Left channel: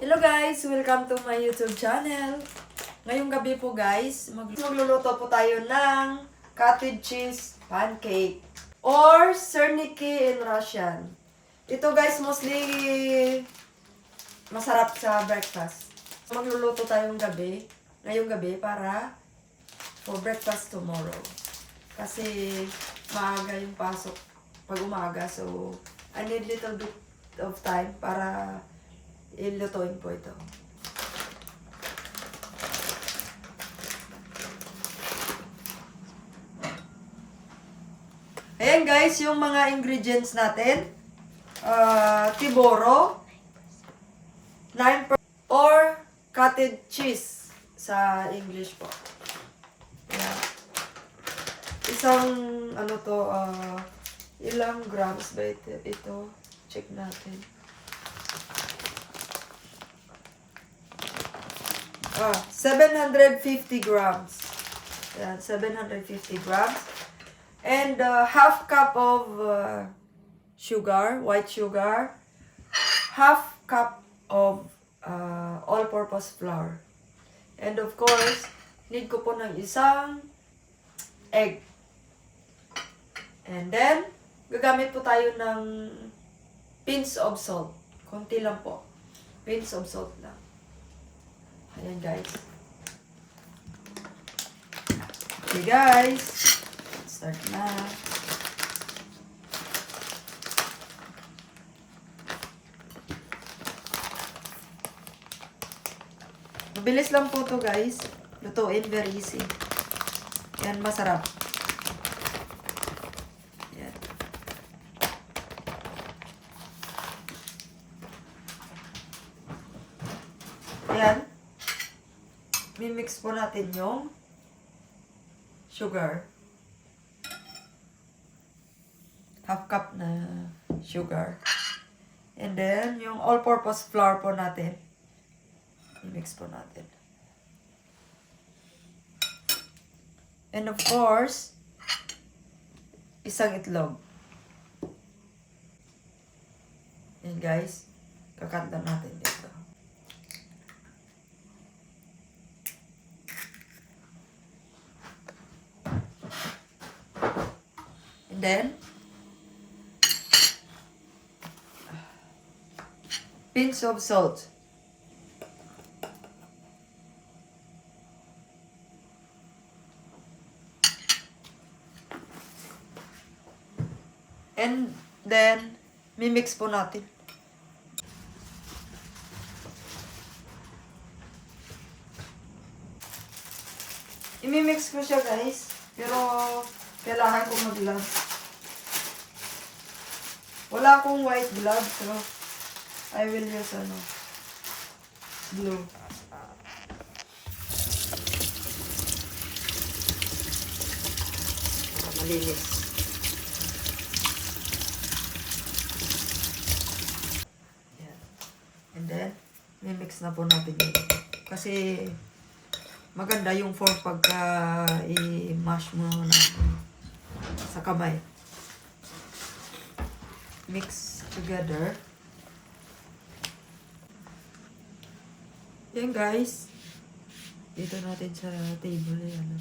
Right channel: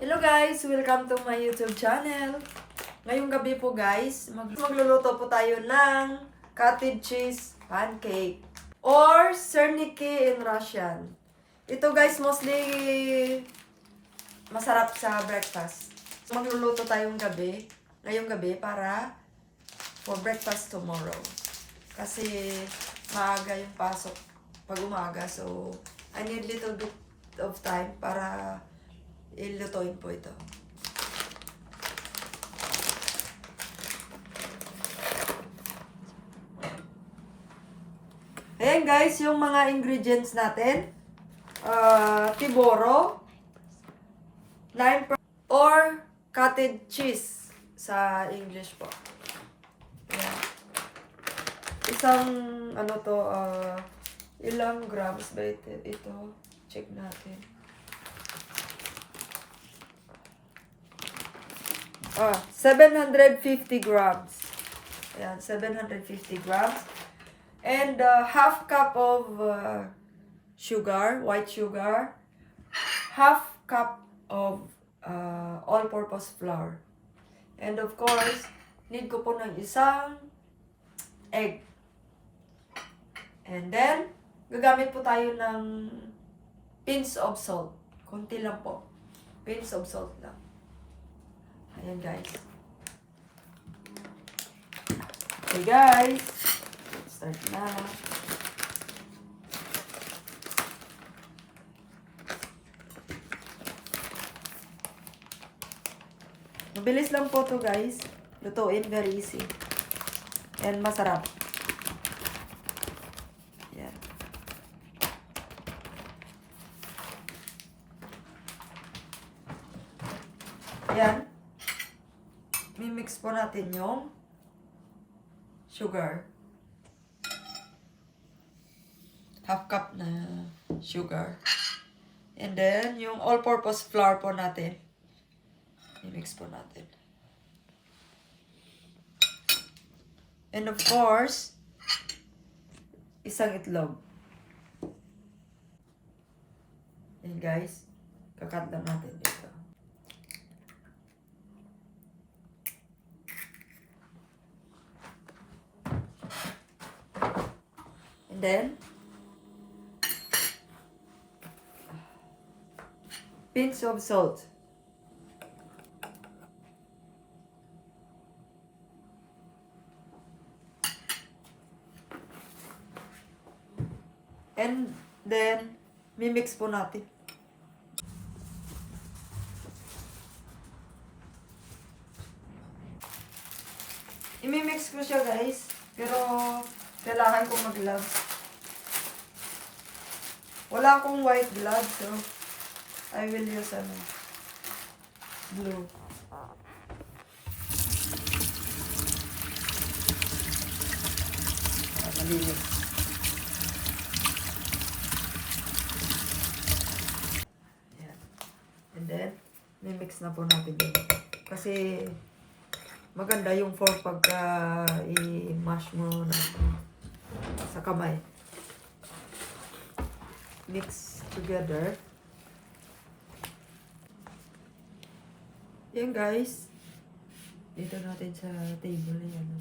Hello guys! Welcome to my YouTube channel. Ngayong gabi po guys, magluluto po tayo ng cottage cheese pancake or serniki in Russian. Ito guys, mostly masarap sa breakfast. Magluluto tayong ngayong gabi para for breakfast tomorrow. Kasi maaga yung pasok pag umaga, so I need little bit of time para ilutuin po ito. Ayan guys, yung mga ingredients natin. Tiboro, 9% or cottage cheese sa English po. Ayan. Isang, ilang grams ba ito? Ito, check natin. 750 grams. Ayan, 750 grams. And half cup of sugar, white sugar. Half cup of all-purpose flour. And of course, need ko po ng isang egg. And then, gagamit po tayo ng pinch of salt. Kunti lang po. Pinch of salt lang. Ayan guys. Okay guys. Start na. Mabilis lang po to guys. Lutuin, very easy. Ayan, masarap. Ayan. Ayan. Mimix po natin yung sugar. Half cup na sugar. And then, yung all-purpose flour po natin. Mimix po natin. And of course, isang itlog. Yan guys. Kakat lang natin dito. And then, pinch of salt. And then, mimix po natin. Imimix ko siya guys, pero kailangan kong mag-glove. Wala akong white glove, so I will use blue. Malinis. Yan. And then, mimix na po natin yun. Kasi, maganda yung form pagka i-mash mo na sa kamay. Mix together. Yan guys. Dito natin sa table. Yan.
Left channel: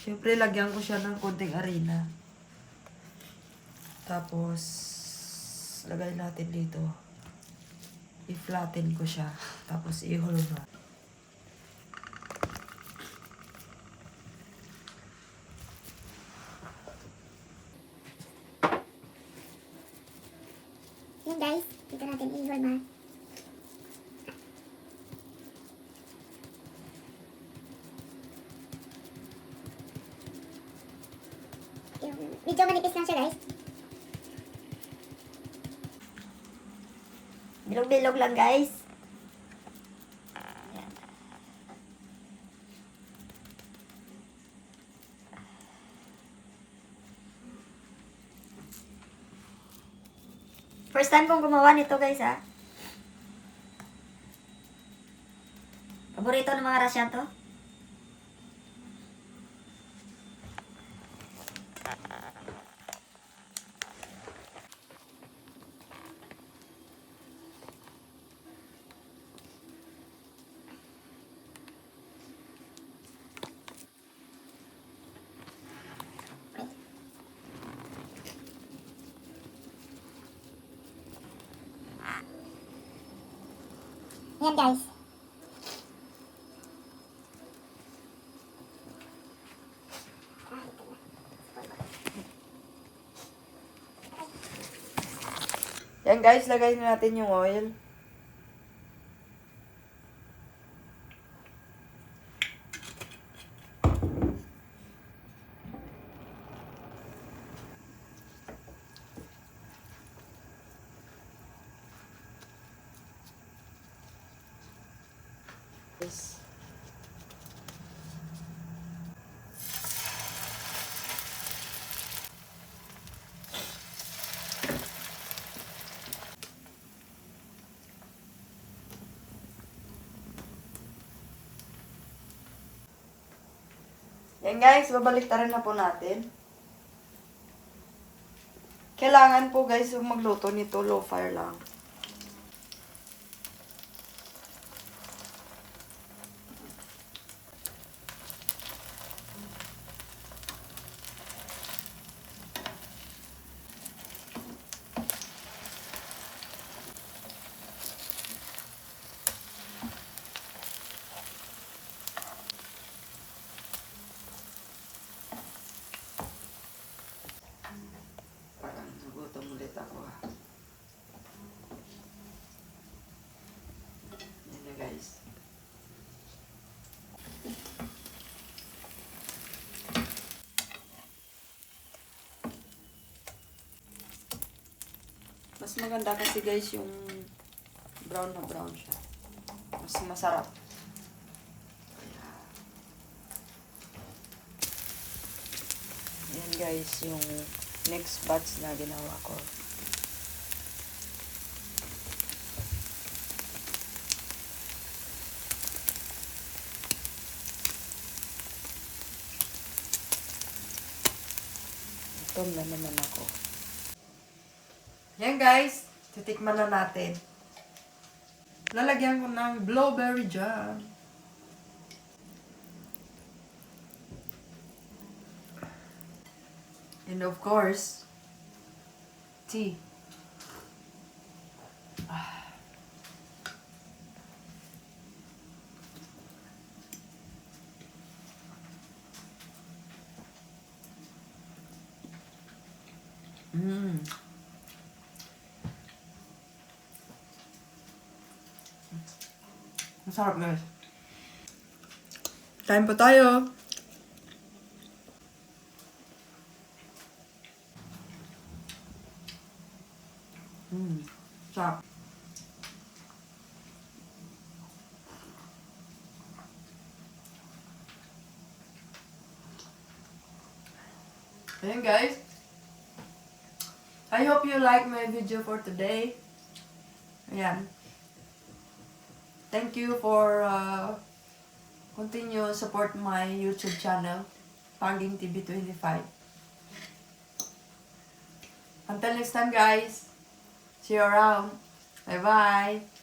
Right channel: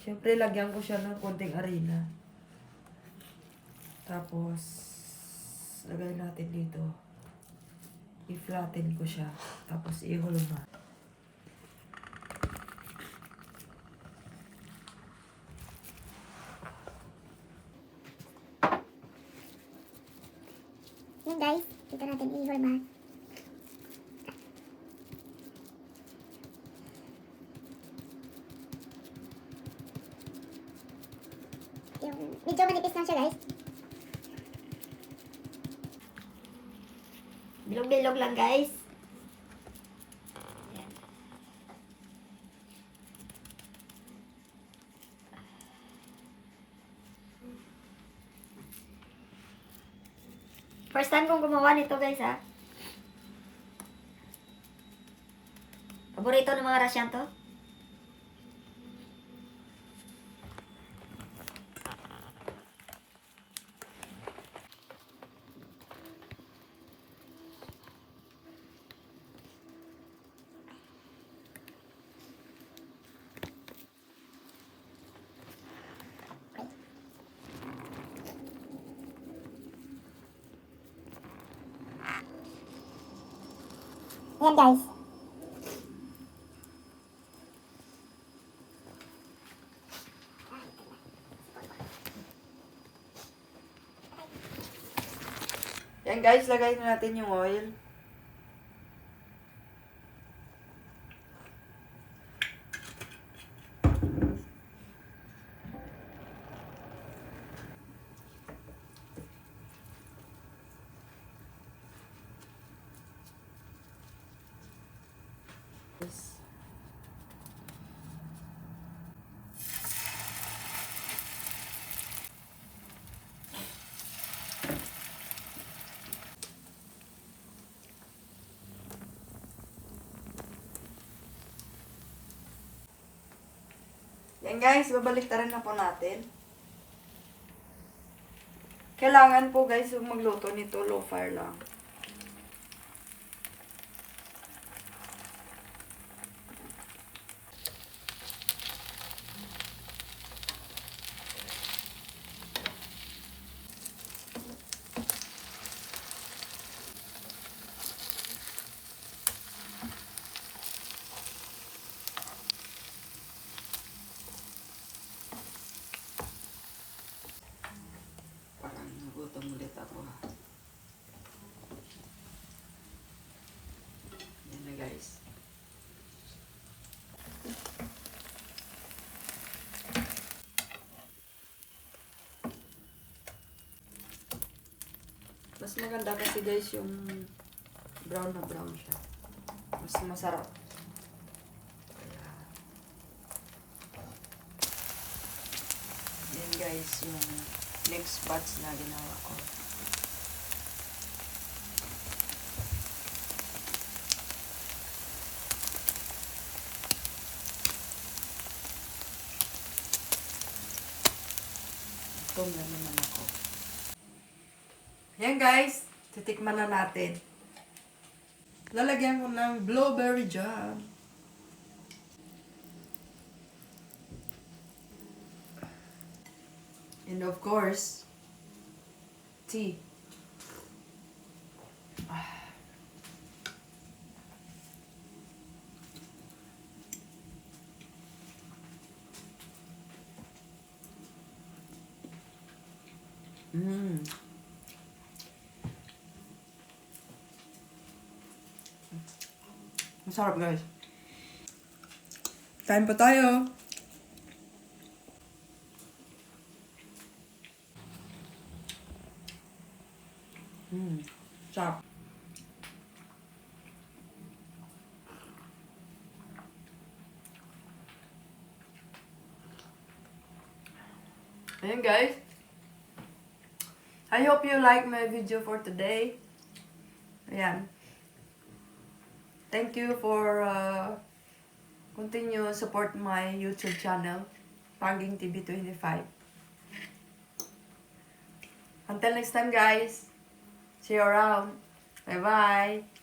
Siyempre, lagyan ko siya ng konting harina. Tapos, lagay natin dito. I-flatten ko siya. Tapos, i-hollow na. Yan guys, dito natin i-horma. Yung medyo manipis lang siya guys. Bilog-bilog lang guys. Yan. First time kong gumawa nito guys ha. Paborito ng mga Russian to. Ayan guys. Yan guys, lagay na natin yung oil. Yes. Yan guys, babaliktaran na po natin. Kailangan po guys, kung magluto nito, low fire lang. Parang nagutom ulit ako ha. Yan na guys. Mas maganda kasi guys yung brown na brown siya. Mas masarap. Yan guys yung next batch na ginawa ko. Ito na naman ako. Yan guys, titikman na natin. Lalagyan ko ng blueberry jam. And of course, tea. Mmm. Masarap guys. Kain pa tayo. Sarap. Ayan guys. I hope you like my video for today. Ayan. Thank you for continue support my YouTube channel, Panging TV 25. Until next time guys. See you around. Bye bye.